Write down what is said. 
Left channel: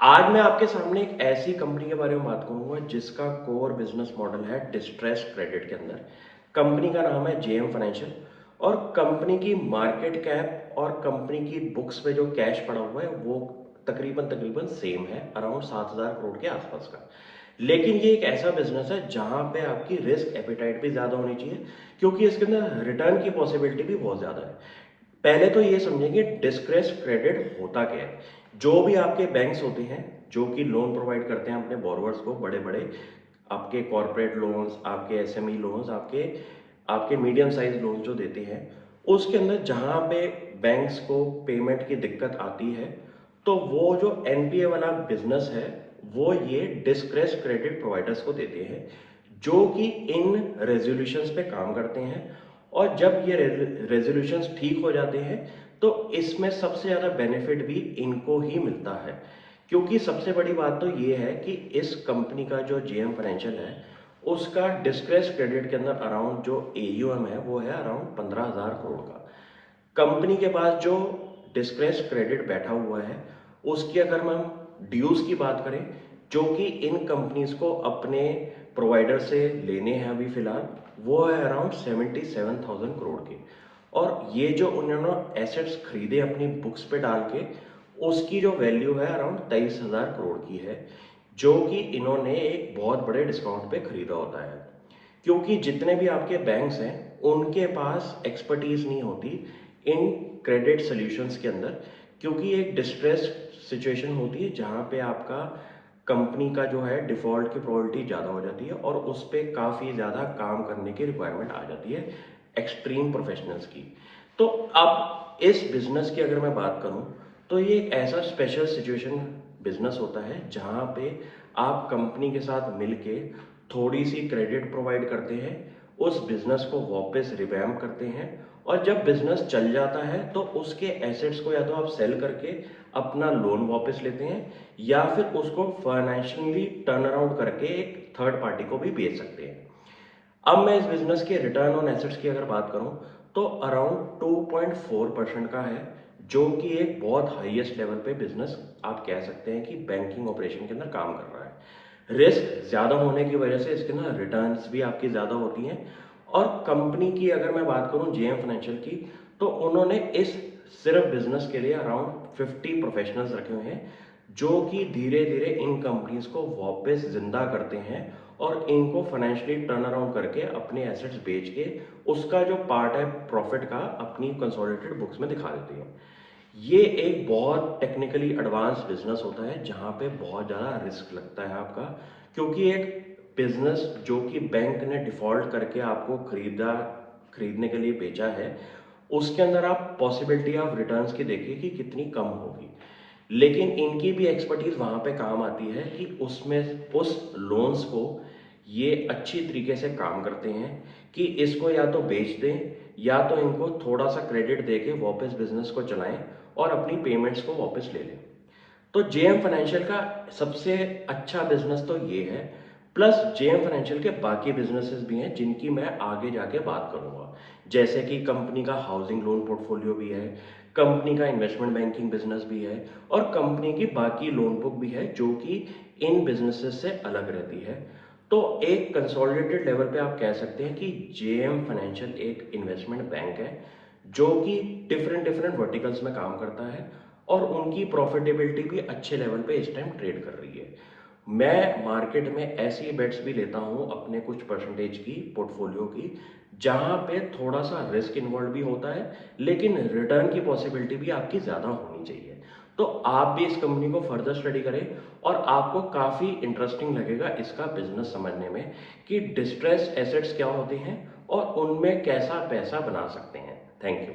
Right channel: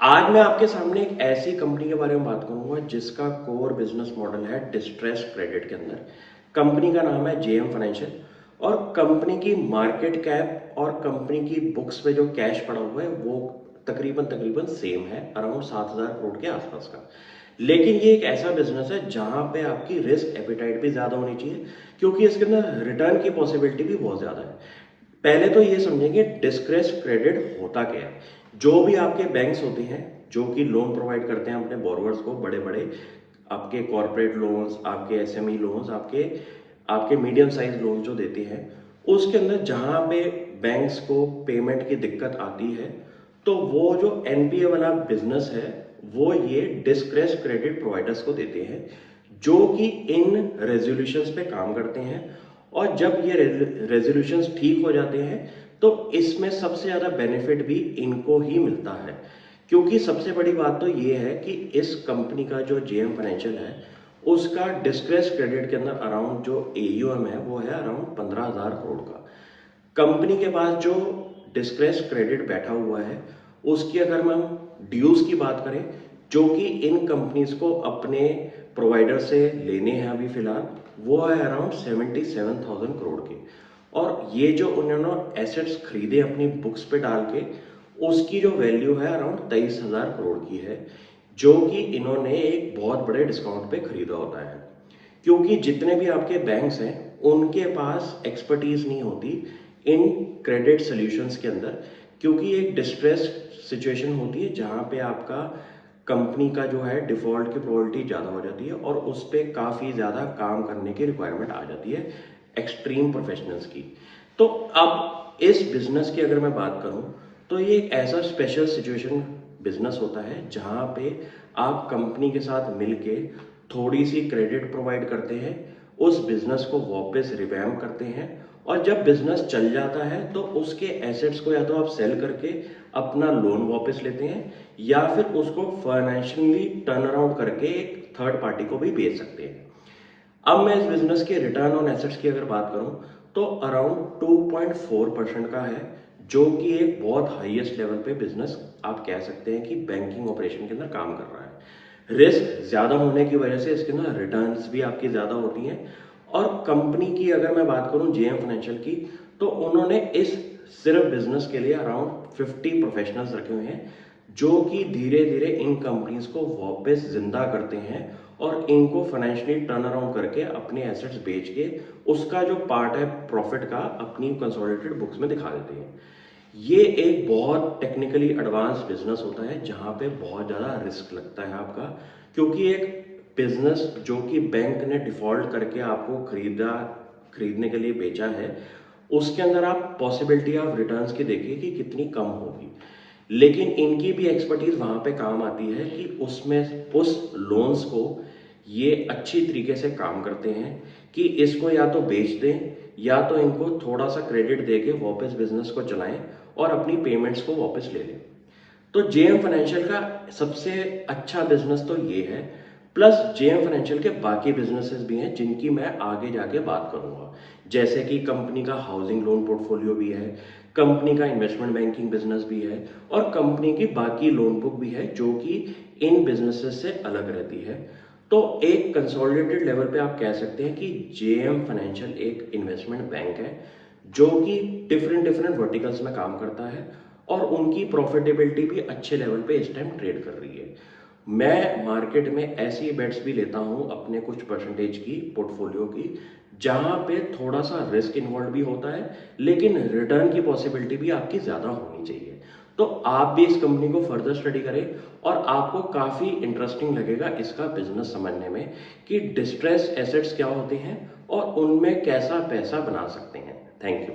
आज मैं आपके सामने एक ऐसी कंपनी के बारे में बात करूंगा जिसका कोर बिजनेस मॉडल है डिस्ट्रेस क्रेडिट के अंदर। कंपनी का नाम है जेएम फाइनेंशियल और कंपनी की मार्केट कैप और कंपनी की बुक्स पे जो कैश पड़ा हुआ है वो तकरीबन तकरीबन सेम है, अराउंड 7,000 करोड़ के आसपास का। लेकिन ये एक ऐसा बिजनेस है जहां पे आपकी रिस्क एपिटाइट भी ज्यादा होनी चाहिए, क्योंकि इसके अंदर रिटर्न की पॉसिबिलिटी भी बहुत ज्यादा है। पहले तो ये समझेंगे डिस्क्रेस क्रेडिट होता क्या है। जो भी आपके बैंक्स होते हैं जो कि लोन प्रोवाइड करते हैं अपने बोरोवर्स को, बड़े बड़े आपके कॉरपोरेट लोन्स, आपके एसएमई लोन्स, आपके आपके मीडियम साइज लोन जो देते हैं, उसके अंदर जहां पे बैंक्स को पेमेंट की दिक्कत आती है तो वो जो एनपीए वाला बिजनेस है वो ये डिस्क्रेस क्रेडिट प्रोवाइडर्स को देते हैं, जो कि इन रेजोल्यूशंस पे काम करते हैं। और जब ये रेजोल्यूशंस ठीक हो जाते हैं तो इसमें सबसे ज़्यादा बेनिफिट भी इनको ही मिलता है, क्योंकि सबसे बड़ी बात तो ये है कि इस कंपनी का जो जेएम फाइनेंशियल है उसका डिस्ट्रेस क्रेडिट के अंदर अराउंड जो एयूएम है वो है अराउंड 15,000 करोड़ का। कंपनी के पास जो डिस्ट्रेस क्रेडिट बैठा हुआ है उसकी अगर हम ड्यूज की बात करें, जो कि इन कंपनीज को अपने प्रोवाइडर से लेने हैं अभी फिलहाल, वो है अराउंड 77,000 करोड़ के। और ये जो उन्होंने एसेट्स खरीदे अपनी बुक्स पे डाल के, उसकी जो वैल्यू है अराउंड 23,000 करोड़ की है, जो कि इन्होंने एक बहुत बड़े डिस्काउंट पे खरीदा होता है। क्योंकि जितने भी आपके बैंक्स हैं उनके पास एक्सपर्टीज नहीं होती इन क्रेडिट सॉल्यूशंस के अंदर, क्योंकि एक डिस्ट्रेस सिचुएशन होती है जहां पे आपका कंपनी का जो है डिफॉल्ट की प्रोबेबिलिटी ज़्यादा हो जाती है और उस पर काफ़ी ज़्यादा काम करने की रिक्वायरमेंट आ जाती है एक्सट्रीम प्रोफेशनल्स की। तो अब इस बिजनेस की अगर मैं बात करूं तो ये एक ऐसा स्पेशल सिचुएशन बिजनेस होता है जहां पे आप कंपनी के साथ मिलके थोड़ी सी क्रेडिट प्रोवाइड करते हैं, उस बिजनेस को वापस रिवैम्प करते हैं, और जब बिजनेस चल जाता है तो उसके एसेट्स को या तो आप सेल करके अपना लोन वापस लेते हैं या फिर उसको फाइनेंशियली टर्न अराउंड करके एक थर्ड पार्टी को भी बेच सकते हैं। अब मैं इस बिजनेस के रिटर्न ऑन एसेट्स की अगर बात करूं तो अराउंड 2.4% का है, जो कि एक बहुत हाईएस्ट लेवल पे बिजनेस आप कह सकते हैं कि बैंकिंग ऑपरेशन के अंदर काम कर रहा है। रिस्क ज्यादा होने की वजह से इसके अंदर रिटर्न्स भी आपकी ज्यादा होती हैं। और कंपनी की अगर मैं बात करूं जेएम फाइनेंशियल की, तो उन्होंने इस सिर्फ बिजनेस के लिए अराउंड 50 प्रोफेशनल्स रखे हुए हैं, जो कि धीरे धीरे इन कंपनीज को वापस जिंदा करते हैं और इनको फाइनेंशियली टर्न अराउंड करके अपने एसेट्स बेच के उसका जो पार्ट है प्रॉफिट का अपनी कंसोलिडेटेड बुक्स में दिखा देते हैं। ये एक बहुत टेक्निकली एडवांस बिजनेस होता है जहां पे बहुत ज़्यादा रिस्क लगता है आपका, क्योंकि एक बिजनेस जो कि बैंक ने डिफॉल्ट करके आपको खरीदने के लिए बेचा है, उसके अंदर आप पॉसिबिलिटी ऑफ रिटर्न्स की देखिए कि कितनी कम होगी। लेकिन इनकी भी एक्सपर्टीज वहां पे काम आती है कि उसमें उस लोन्स को ये अच्छी तरीके से काम करते हैं कि इसको या तो बेच दें या तो इनको थोड़ा सा क्रेडिट दे के वापस बिजनेस को चलाएं और अपनी पेमेंट्स को वापस ले लें। तो जेएम फाइनेंशियल का सबसे अच्छा बिजनेस तो ये है। प्लस जेएम फाइनेंशियल के बाकी बिजनेसेस भी हैं जिनकी मैं आगे जाके बात करूंगा, जैसे कि कंपनी का हाउसिंग लोन पोर्टफोलियो भी है, कंपनी का इन्वेस्टमेंट बैंकिंग बिजनेस भी है, और कंपनी की बाकी लोन बुक भी है जो कि इन बिजनेसेस से अलग रहती है। तो एक कंसोलिडेटेड लेवल पे आप कह सकते हैं कि जेएम फाइनेंशियल एक इन्वेस्टमेंट बैंक है जो कि डिफरेंट डिफरेंट वर्टिकल्स में काम करता है और उनकी प्रॉफिटेबिलिटी भी अच्छे लेवल पे इस टाइम ट्रेड कर रही है। मैं मार्केट में ऐसी बेट्स भी लेता हूं अपने कुछ परसेंटेज की पोर्टफोलियो की, जहां पे थोड़ा सा रिस्क इन्वॉल्व भी होता है लेकिन रिटर्न की पॉसिबिलिटी भी आपकी ज्यादा होनी चाहिए। तो आप भी इस कंपनी को फर्दर स्टडी करें और आपको काफी इंटरेस्टिंग लगेगा इसका बिजनेस समझने में कि डिस्ट्रेस एसेट्स क्या होते हैं और उनमें कैसा पैसा बना सकते हैं। Thank you.